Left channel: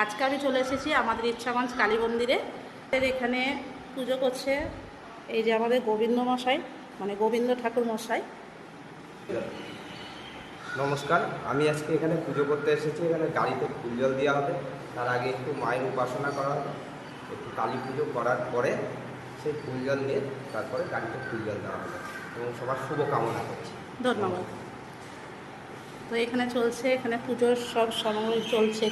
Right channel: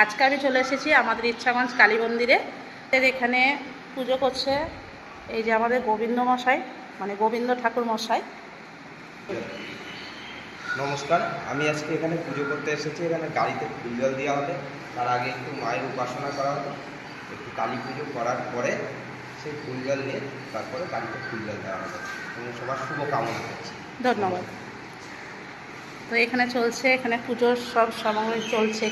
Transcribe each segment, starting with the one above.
আজকে আমি চলে এসেছি আমাদের ইচ্ছাগঞ্জ কালী মন্দিরে। এখানে পুজো করছে এই যে আমাদের গোবিন্দ মশাই, মানে গোবিন্দ ঠাকুর মশাই। নমস্কার, আমি আজকে এখানে পুজো করতে এসেছি। এখানে গাড়িতে ফুল জল দেওয়া হবে, তার আগে একটু মায়ের উপাসনা করা হবে, একটু কালী পুজো করার পরে সেই ফুল জল নিয়ে তারপরে গাড়িতে ফুল জল দেওয়া হবে এবং সবার শুভ কামনা করছি। ধন্যবাদ। তো এখানে চলছে, এখানে পুজোর সব সামগ্রী চলছে।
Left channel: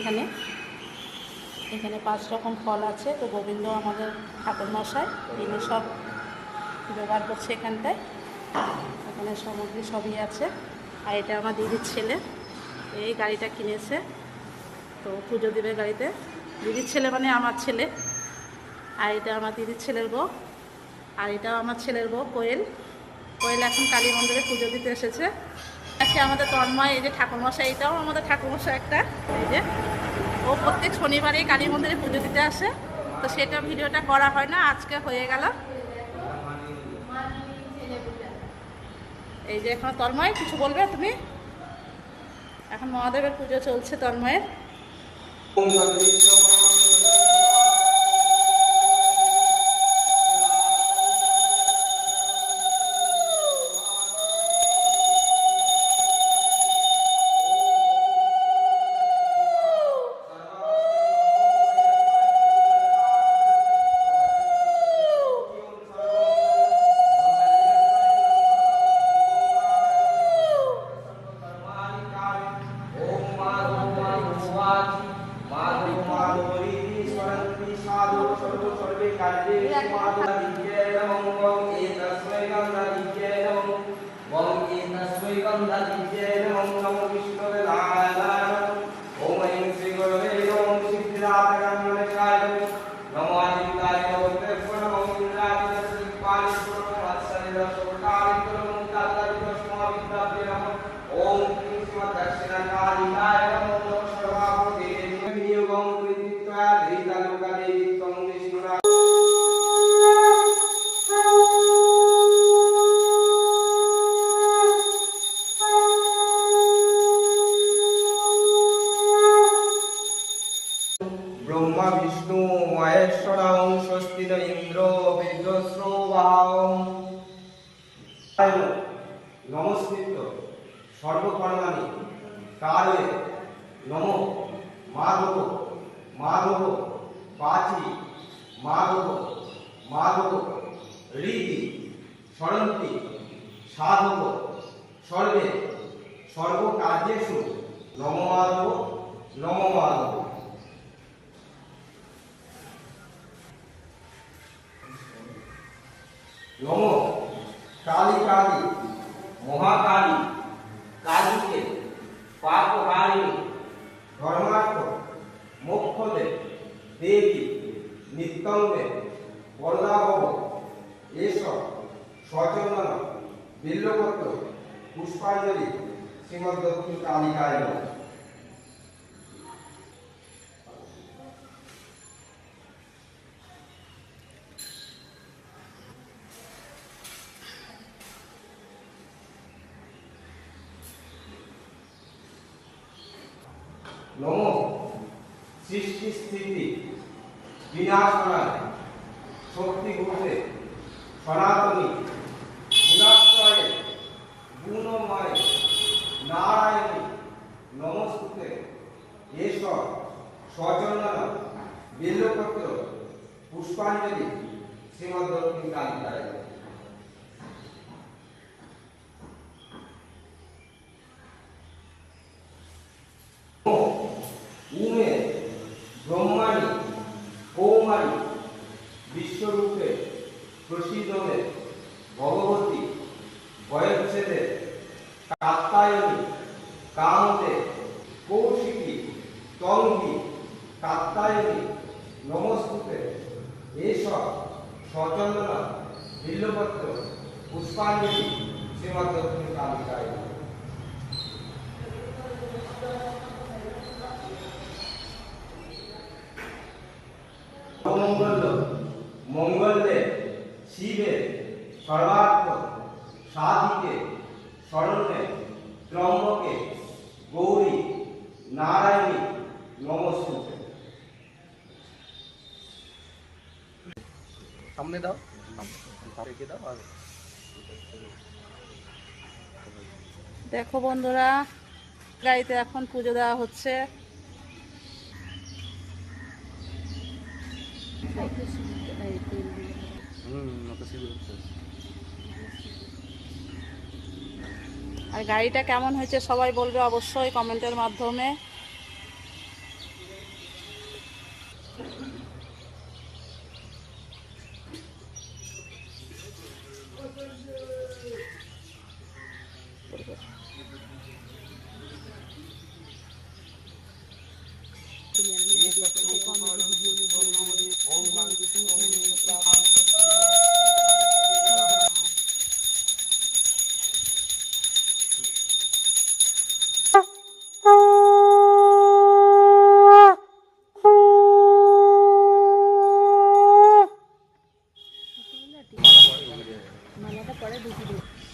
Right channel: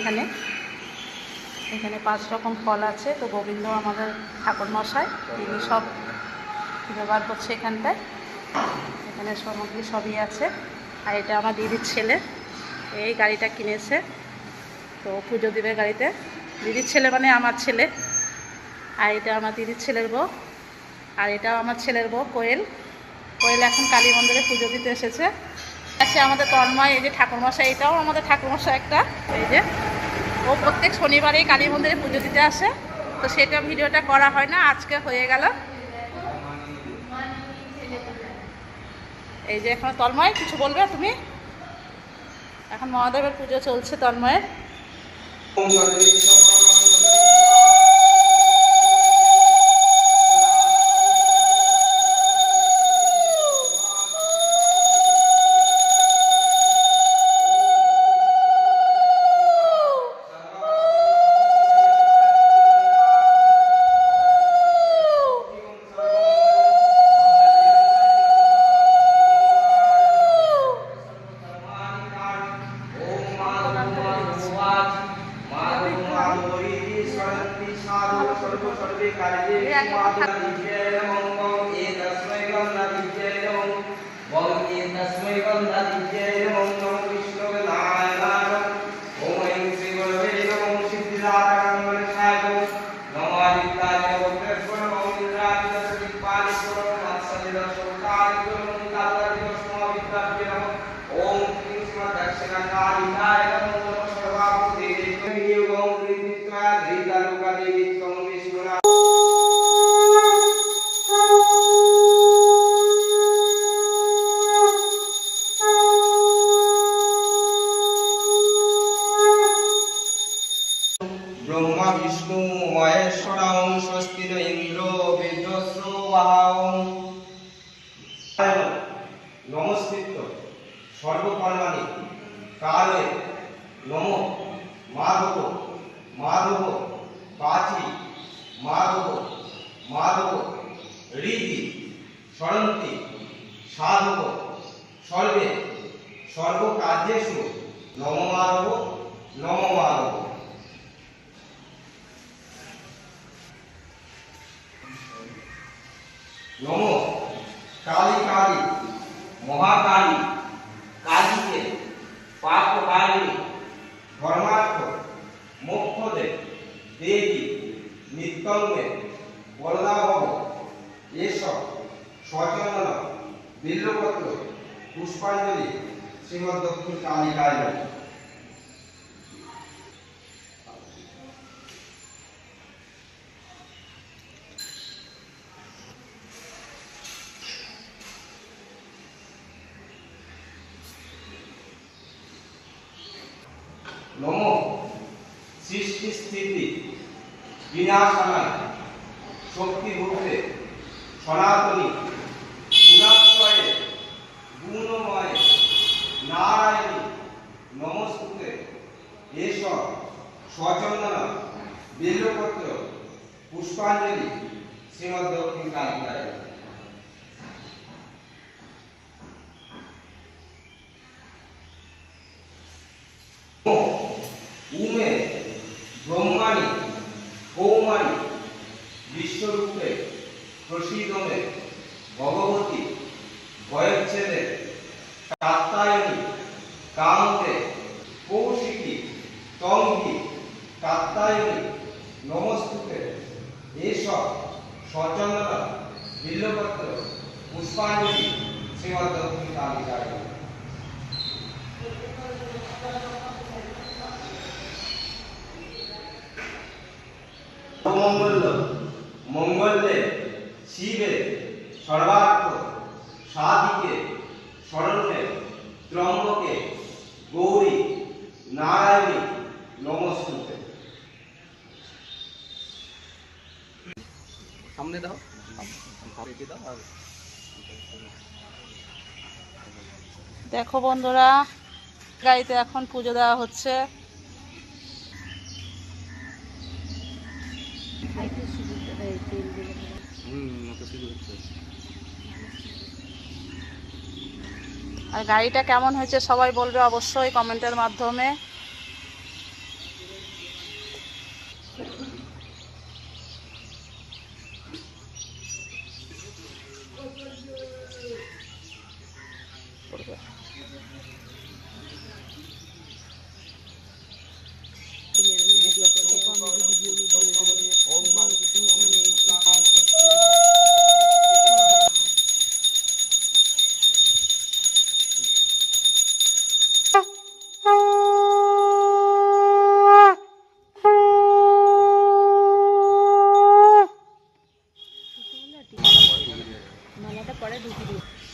এখানে 5 রকম ফল আছে। তো গোবিন্দ আমাদের ঠাকুর মশাই, তিনি সব জোগাড় করছে এখানটায়। এখানে সামগ্রী সবই আছে। আর এটা আমার দিদির ছেলে, এই গাড়িটা কিনেছে, তো পুজো দিবে গাড়িতে। দিদির ছেলে মানে আমার ছেলে। আর এটা আমার দিদির ছেলের বউ, আর এটাও আমার ছেলের বউ কোয়েল। কোয়েল এখন কালী মন্দিরে পুজো দিতে এসেছে। আছে আমাদের তন্ময়, এই যে ঠাকুরমশাই, এটাও আমাদের ঠাকুরমশাই একটা। এই যে ও প্রত্যেক শনিবারেই কালী মন্দিরে পুজো দিতে আসে, তো সেটা ভিডিওটা করা হয় না, আজকে হয়ে গেল। এই যে এখন তন্ময় কিছু বলবে তুমি? এখন মহাদেবের পুজো চলছে তন্ময়ের। ব্রহ্মা বিষ্ণু মহেশ্বরং স্বস্তি ন ইন্দ্র বীর্যস্রবাহং নমস্কৃত্য সর্বকর্মাণি কালে নমো মাধব মাধব বাচি মাধব মাধব হৃদি সরন্তি সাধব সর্বে সর্বকার্যেষু নমো মাধব নমো মাধব। নমো কালী কালী মহাকালী কালীকে পাপহারিণী ধর্মার্থ মোক্ষদে দেবী নিত্যঙ্গে বলদাভব এসব সচন্দন বিল্লপত্র পুষ্পাঞ্জলি শ্রীমদ দক্ষিণ কালিকায় নমঃ। নমো সৃষ্টি স্থিতি বিনাশনায় শক্তিভূতে সনাতনী গুণাশ্রয়ে গুণময়ে নারায়ণী নমস্তুতে এসব সচন্দন বিল্লপত্র পুষ্পাঞ্জলি শ্রীমদ দক্ষিণ কালিকায়। উমে ব্রহ্মাণী কৌমারী বিশ্বরূপে প্রসীদমে ভগবতী বয়চ্ছেদে কাত্যায়নী কান্তে কৌশিকী তঙ্গী কাত্যায়নী নমস্তুতে এসব সচন্দন বিল্লপত্র পুষ্পাঞ্জলি শ্রীমদ দক্ষিণ কালিকায়। মঙ্গল মঙ্গলে শিবে সর্বার্থ সাধিকে শরণ্যে ত্র্যম্বকে গৌরী নারায়ণী নমস্তুতে। সামনে দাও, সামনে দাও। আর দেখো বন্ধুরা, গাড়িতে এখন পুজো দেওয়া হচ্ছে। আর গাড়িটা কেমন হয়েছে সবাই বলবে অবশ্যই কমেন্টের মাধ্যমে।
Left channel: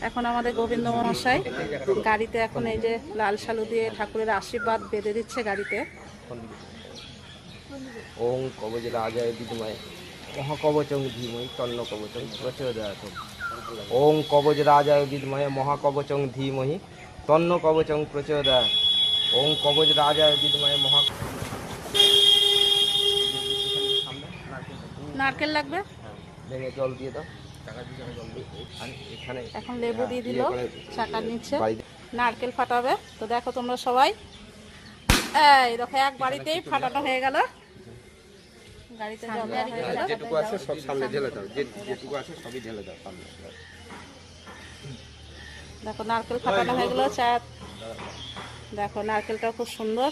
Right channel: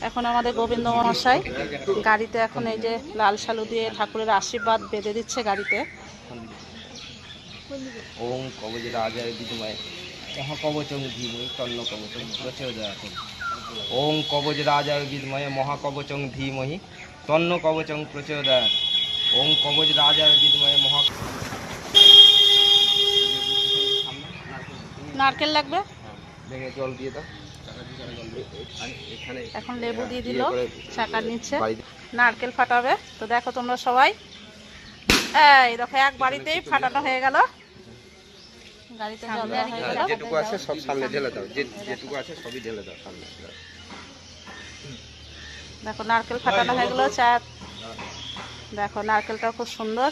এখন আমাদের গোবিন্দ মহাশয় গাড়িতে এখন এই যে লাল শালু দিয়ে ঠাকুরের আশীর্বাদ বেঁধে দিচ্ছে গাড়িতে। ওং কবজরাজায় বিদ্মহে মহাকবচং ধীমহি তন্ন কবচং প্রচোদয়াৎ। ওং কবজরাজায় বিদ্মহে মহাকবচং ধীমহি তন্ন কবচং প্রচোদয়াৎ। ওং কবজরাজায় বিদ্মহে মহা। নারকেল লাগবে, ভেঙে জল দিয়ে দাও। এখন লেবু দিয়ে দিল চাকার নিচে, নারকেল ফাটাবে। তো দেখো তোমরা সবাই, এই দেখো এক বাড়িতেই ফাটানো হয়ে গেল, গাড়িতে জল দেওয়া হয়ে গেল। যেটুকু আছে সব সামনে ঢেলে দাও, যেটুকু আছে সবই ঢেলে দাও সামনে। দেখো নারকেল ফাটানো হয়ে গেল। চা দেখো নারকেলটা খুব সুন্দর।